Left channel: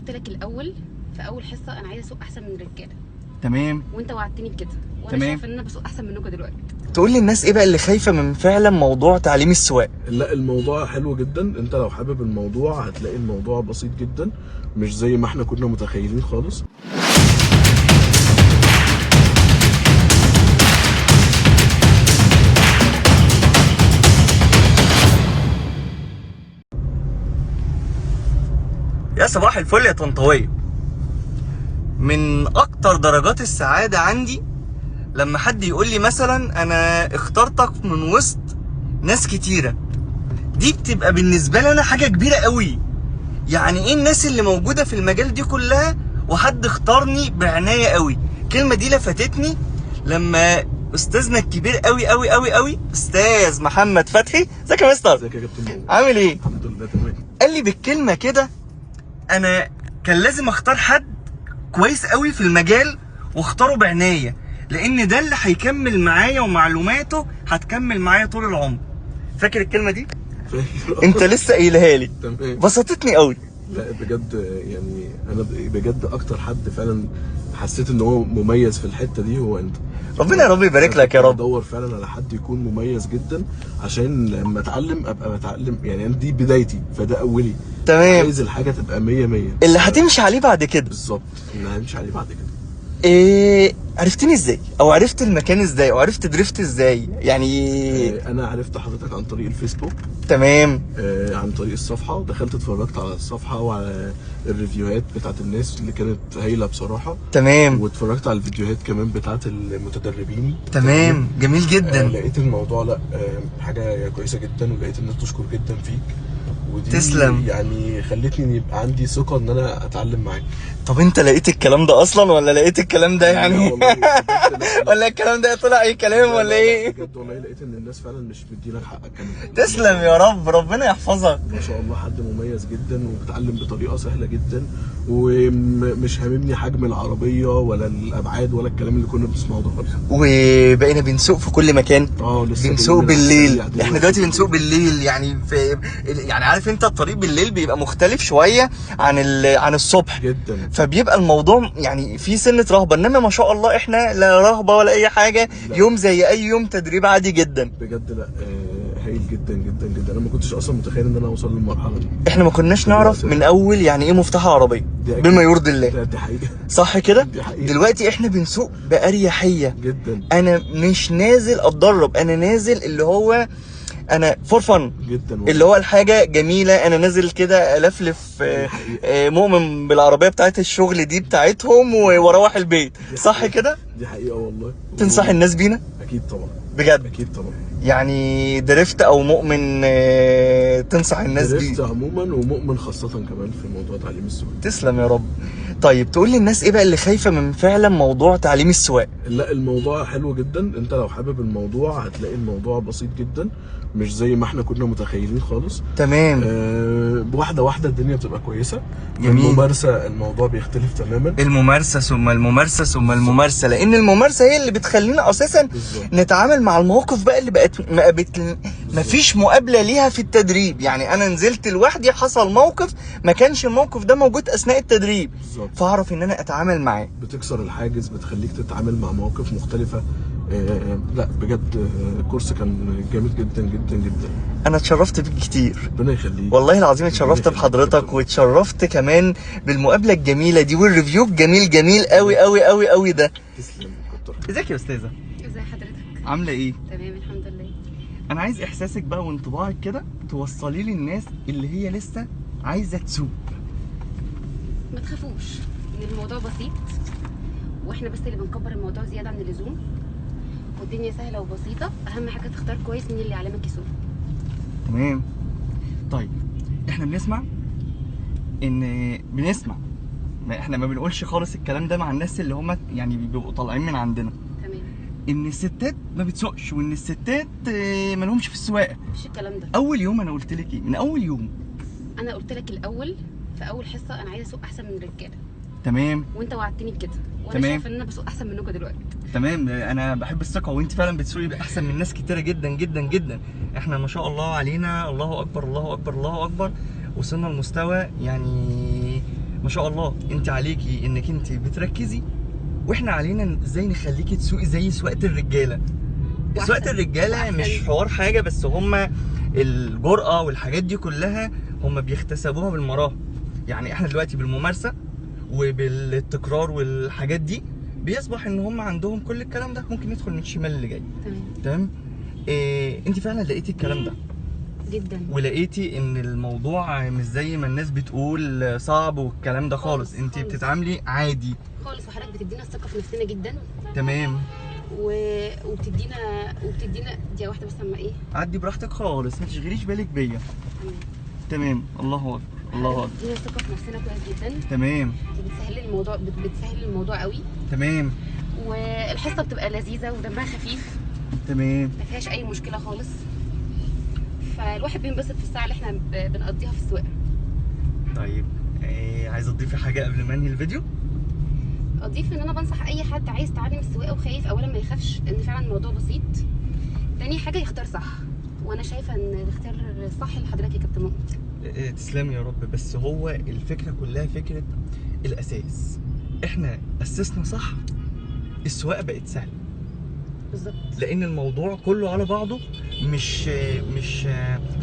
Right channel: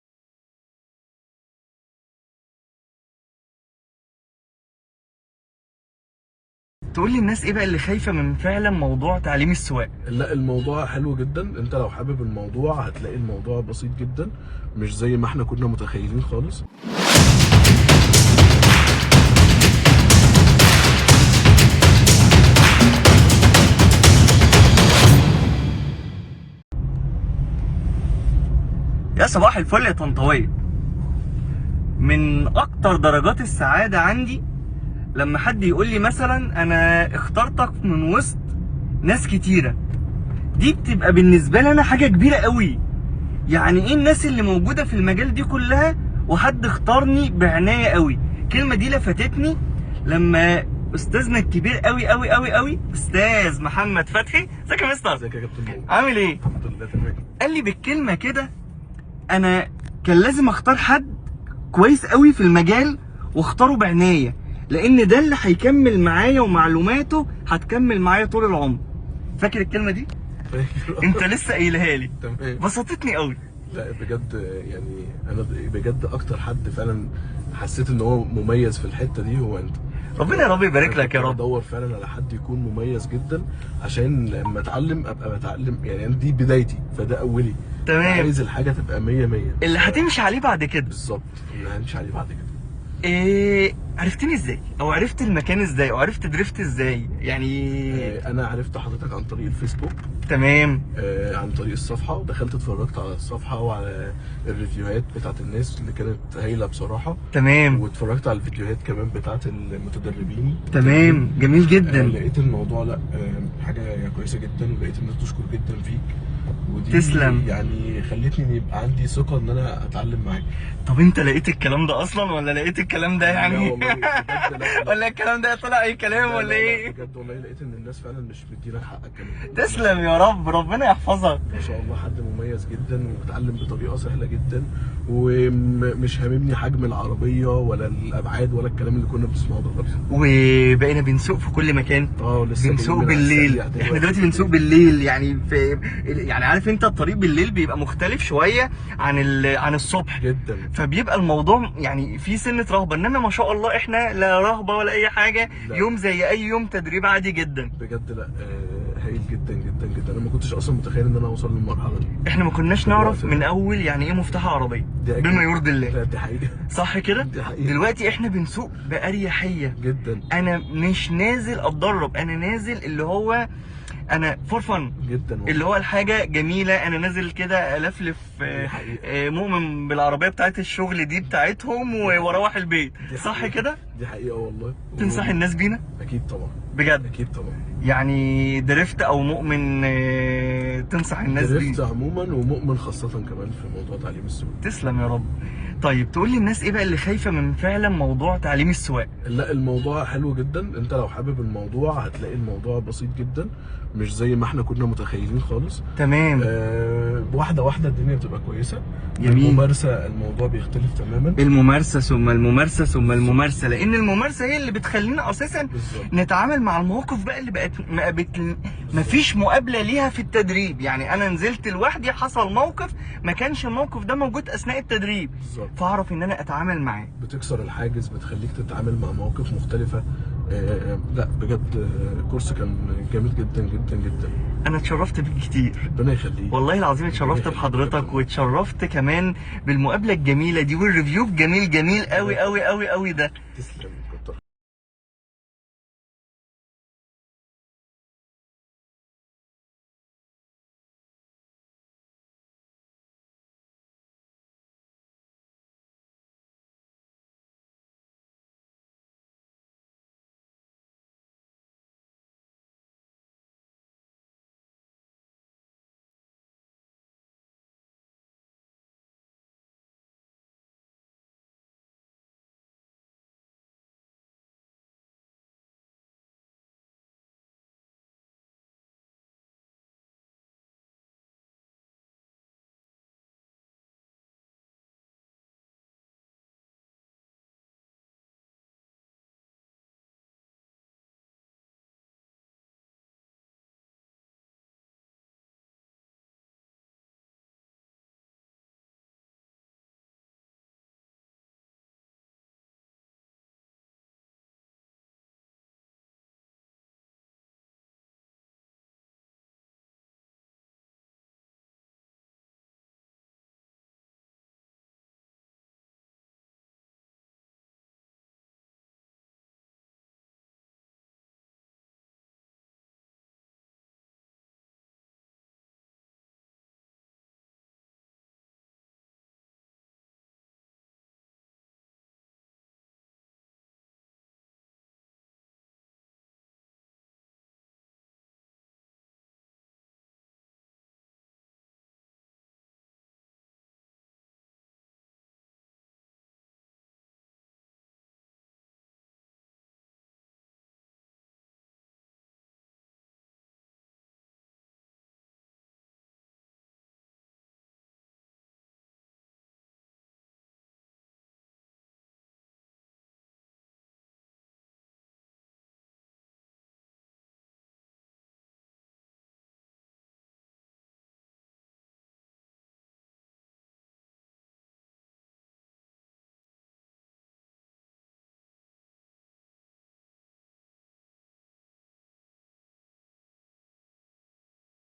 قلت لك الاول في اول حصه انا عايزه اسوق احسن من الرجاله. تمام. وانت وعدتني بكده، وانا تمام. شايفه ان انا بسوق احسن منكم دلوقتي. تقول للناس ايه بقى اللي خايفه من فعلا موضوع تعليم السواقه؟ لا، الموضوع حلو جدا. انت لو حابب الموضوع هتلاقي الموضوع بسيط جدا، مش زي ما احنا كنا متخيلين خالص. يا صباح الفل يا طنطاوية. من اكتر درجات السعادة عندي لما حد يقول لي مثلا انا اخترتك من وسط ناس كتيرة. دي بتبقى بالنسبة لي انا حاجة كبيرة قوي. يعني ايه الناس اللي موجودة في المجال دي كلها وحد اختارني بعناية قوي؟ الكلمة دي لفتتني لما استاذنا الكبير قوي قوي قوي قوي استاذ محمد فتحي. ازيك يا مستر؟ ازيك يا كابتن؟ عامل ايه؟ الحمد لله تمام. قال لي بالكلمة كده انا كان لازم اختار حد كويس قوي في المجال واختاره بعناية، لان ده اللي هيكمل معايا ومعلوماته هتكمل معايا طول العمر. فاكر الكلمة دي؟ انت لسه قايلها لي. تمام. بسطتني قوي. لا بجد، يعني انا بجد اكتر حد فعلا حسيت ان هو مميز في الحته دي هو انت. ربنا يا رب يبارك لك يا رب. بدور فعلا على حد يكون مميز جدا عشان لما اتعلم ابقى بتعلم، يعني أنا دي بدايتي فده اولي. تمام. عايز الحاجه تبقى 100 100 اللي هتمشي عليه بعد كده. بالظبط، اللي هنمشي عليه بعد كده. ايه عرفتني ازاي؟ او عرفت المكان ازاي؟ او عرفت درفت ازاي؟ يعني انا عرفت حضرتك عن طريق الفيسبوك. تمام. عن طريق الصفحه، ودخلت اتفرجت على الصفحه وعلى الريفيوهات بتاعت الناس اللي كانت هايله بصراحه. تمام. واتفرجت على الفيديوهات كمان بتاعت المتدربين. تمام. جميل جدا. لقيت الموضوع لا حاجه كويسه جدا، ولقيت الناس تشكر جدا فيك، ودي تسلم. يعني خلتني ان يبقى عندي ثقه ان انا اتعلم معاك. طب انت لقيت الكلام ده اصلا ولا لقيت الكلام ده يعني والله بجد لا. ولا الكلام ده طلع اي كلام لا ولا لا ايه؟ بجد والله لقيت ان الناس فعلا مش مديلك حقك كمان. تسلم يا رب، ربنا يحفظك. ما شاء الله حد مميز جدا وبتعلم بطريقه سهله جدا، ومش هاممني حجم العربيه ولا الابعاد ولا الكلام اللي كنا بنسمعه ده خالص. وبقينا بنسوق في كل مكان. لسه بنسوق بالليل. يعني احنا دلوقتي بنسوق بالليل، يعني عارف انت الطريق بالليل بيبقى مختلف شويه عن الصبح جدا، فبيبقى الموضوع يعني في سنه رهبه، انما ما شاء الله احنا لا رهبه ولا اي حاجه. لا. يوم زي اي يوم تدريب عادي جدا بجد. لا هايل جدا جدا جدا. انا ما كنتش اصلا متخيل ان انا اوصل للمرحله دي. احنا ما كناش نعرف من اول يعني ايه مفتاح عربيه بما يرضي الله. دي حقيقه. صح كده؟ دي حقيقة. دلوقتي احنا بنسوق بأريحية جدا. انا مش نازل اتدرب، انا نازل اللي هو انا فور فن جدا اللي هو الحاجه جميله. انا نازل كده الفلف مؤمن بالعربيه بتاعت الشغل دي بتاعتهم واروح البيت. صح كده؟ دي حقيقه والله. تنصح الناس بينا؟ اكيد طبعا. بجد؟ اكيد طبعا. يعني درفت او مؤمن تنصح الناس بيه؟ درفت عموما ومؤمن خاصه كمان في موضوع تعليم السواقه. تسلم يا رب. طيب تقول للناس ايه بقى اللي خايفه من فعلا موضوع تعليم السواقه؟ لا، الموضوع حلو جدا. انت لو حابب الموضوع هتلاقي الموضوع بسيط جدا، مش زي ما احنا كنا متخيلين خالص. تمام. واحده واحده الدنيا بتبقى كويسه. جميل. الممارسه الموضوع بيختلف تماما. الممارسه ثم الممارسه ثم الممارسه، لان الممارسه هي اللي بتخلينا اساسا بالظبط. نتعامل مع المواقف بقى اللي بقت ما فيش مقابله ليها في التدريب. يعني انا نزلت لوحدي، حصل موقف ما كانش الموقف ده موجود اثناء التدريب، بالظبط. فاعرف ان انا اتعامل معاه. بتكسر الحاجز، بتخليك تتعامل مع مواقف مختلفه. لا بجد كورس كان جامد جدا جدا جدا. انا اتشرفت بيك كتير، ربنا يخليك. والله العظيم اتشرفت بحضرتك، واتشرفت كمان بالمقابله الجميله دي والريفيو الجميل جميل قوي قوي قوي قوي ده. تسلم. ازيك يا استاذه؟ ازي حضرتك؟ عامله ايه؟ تمام الحمد لله. انا عايز احساسك بقى وانطباعك كده توصلي لي الناس اللي هي لسه عايزه تسوق. ما تخافوش ان الموضوع بسيط، واحنا بس اللي بنكبر الموضوع زياده عن اللزوم، والدنيا سهله وبسيطه. اهم حاجه تختار كويس مين اللي يعلمك يسوق. تمام. طيب احنا بنسمع احنا ما بنقولش خالص الكلام ده مع الناس اللي هم يعني بيبقوا طالعين من عندنا، تمام. ان الستات ما بتسوقش وان الستات ما لهمش في السواقه. مفيش الكلام ده. اول يوم انا قلت لك ايه؟ من اول يوم انا قلت لك الاول في اول حصه انا عايزه اسوق احسن من الرجاله. تمام. وانت وعدتني بكده، وانا تمام. شايفه ان انا بسوق احسن منكم دلوقتي. تمام. انا بحب الثقه، وانت فعلا بتسوقي احسن من ناس كتيره جدا جدا جدا. احنا ما شاء الله علينا، الله اكبر الله اكبر الله اكبر، وصلنا لمستوى يعني ما شاء الله انت عليكي انك انت بتركزي، واحنا علينا ازاي نخليكي تسوقي زي سواقه الرجاله. سواقه الرجاله مش حوار حاجه، بس هما الجرأه والحاجات دي كلها هما بيكتسبوها بالمراهق. يعني احنا دلوقتي بالممارسه وبالتكرار والحاجات دي بيصبح ان هم عندهم كل الكلام ده، ممكن يدخل من الشمال اللي جاي. تمام. انت فعلا لقيتي الكلام ده جدا، ولقيتي ان الموضوع مش زي ما الناس بتقول صعب والكلام ده خالص. انت بتتعاملي عادي خالص، وحضرتك بتدينا الثقه في نفسنا جدا. تمام. وبتدينا دي واحده بس اما ايه، عدي براحتك خالص، ما تشغليش بالك بيا. تمام. الله اكبر، الله اكبر. بتدينا الثقه في نفسنا كويس جدا. تمام. بتسهل الموضوع قوي. تمام. والحصه بتبقى لذيذه ودمها خفيف. تمام. ما فيهاش اي مشكله خالص، فالواحد بينبسط في الساعه اللي احنا بنقضيها في السواقه. طيب عايزه تضيفي حاجه قبل ما انهي الفيديو؟ اضيف ان انا بنصح اي حد عايز يتعلم السواقه وخايف، اولا ما يخافش لان فعلا الموضوع بسيط. تاني حاجه يختار صح، وانا شايفه ان الاختيار الصح لحضرتك يا كابتن مؤمن. تسلمي يا رب. بس هو الفكره كلها فكره الاساس، احنا اسسنا صح، السواقه بقت سهله. بالظبط. لان الموضوع كله على بعضه مش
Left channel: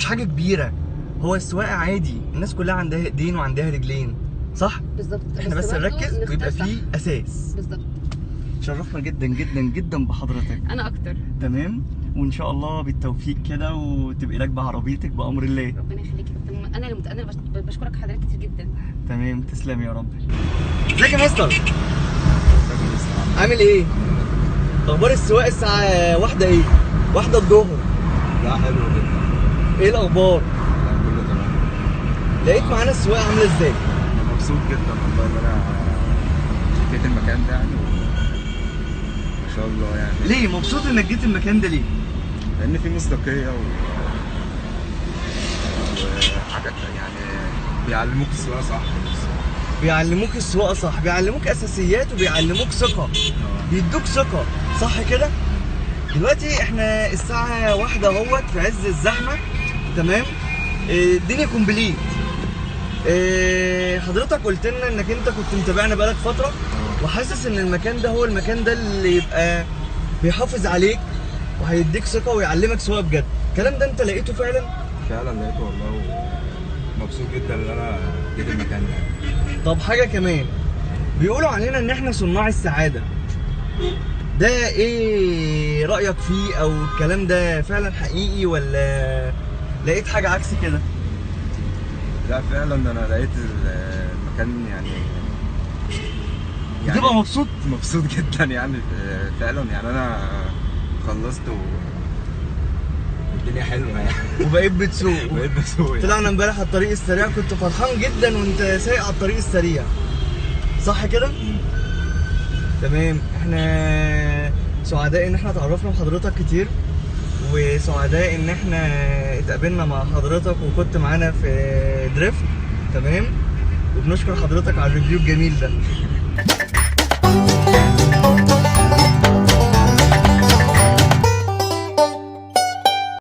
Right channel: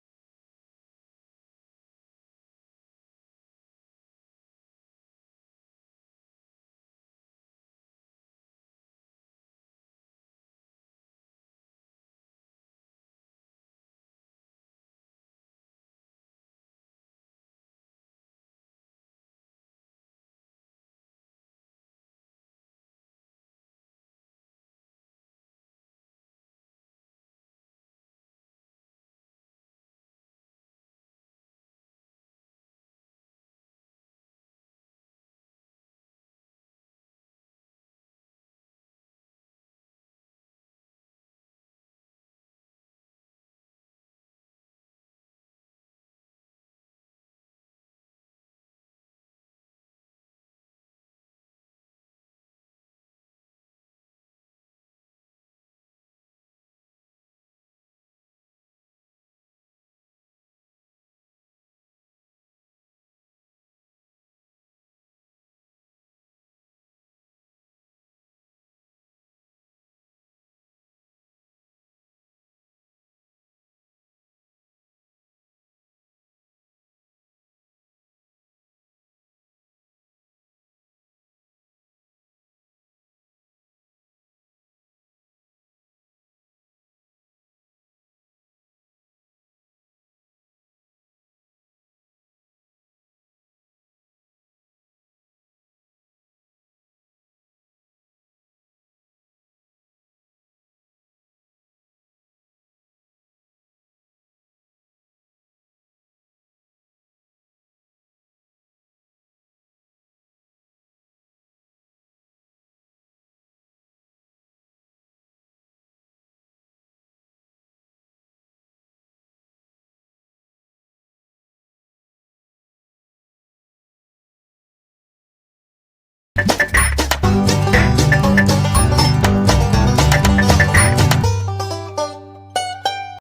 حاجه كبيره. هو السواقه عادي، الناس كلها عندها ايدين وعندها رجلين، صح؟ بالظبط. احنا بس نركز ويبقى فيه اساس. بالظبط. شرفنا جدا جدا جدا بحضرتك. انا اكتر. تمام. وان شاء الله بالتوفيق كده وتبقي راكبه عربيتك بامر الله. ربنا يخليك يا كابتن مؤمن. انا بشكرك حضرتك كتير جدا. تمام. تسلمي يا رب. ازيك يا مستر؟ عامل ايه؟ اخبار السواقه الساعه واحدة ايه؟ واحدة الظهر. لا حلو جدا. ايه الاخبار؟ لا كله تمام. لقيت معانا السواقه عامله ازاي؟ انا مبسوط جدا والله ان انا جيت المكان ده يعني ما شاء الله يعني. ليه مبسوط انك جيت المكان ده ليه؟ لان في مصداقيه وحاجات يعني بيعلموك السواقه صح. بيعلموك السواقه صح، بيعلموك اساسيات وبيعلموك ثقه، بيدوك ثقه، صح كده؟ دلوقتي احنا الساعه واحدة اهوت في عز الزحمه. تمام. الدنيا كومبليت. حضرتك قلت لنا انك انت كنت متابعنا بقالك فتره وحاسس ان المكان ده هو المكان ده اللي يبقى بيحافظ عليك وهيديك ثقه ويعلمك سواقه بجد. الكلام ده انت لقيته فعلا؟ فعلا لقيته والله، ومبسوط جدا ان انا جيت المكان ده. طب حاجه كمان، بيقولوا علينا ان احنا صناع السعاده، ده ايه رايك فيه؟ او الكلام ده فعلا حقيقي ولا لقيت حاجه عكس كده؟ لا فعلا انا لقيت المكان يعني بتبقى مبسوط؟ مبسوط جدا يعني فعلا. يعني انا خلصت والدنيا حلوه يعني وبقيت بتسوق. بقيت بسوق. طلعنا امبارح على الطريق السريع، كنت فرحان جدا وانت سايق على الطريق السريع، صح كده؟ تمام. احنا سعداء ان احنا اتعرفنا بحضرتك كتير، وسعداء ان احنا اتقابلنا مع حضرتك وكنت معانا في دريفت. تمام. وبنشكر حضرتك على الريفيو الجميل ده.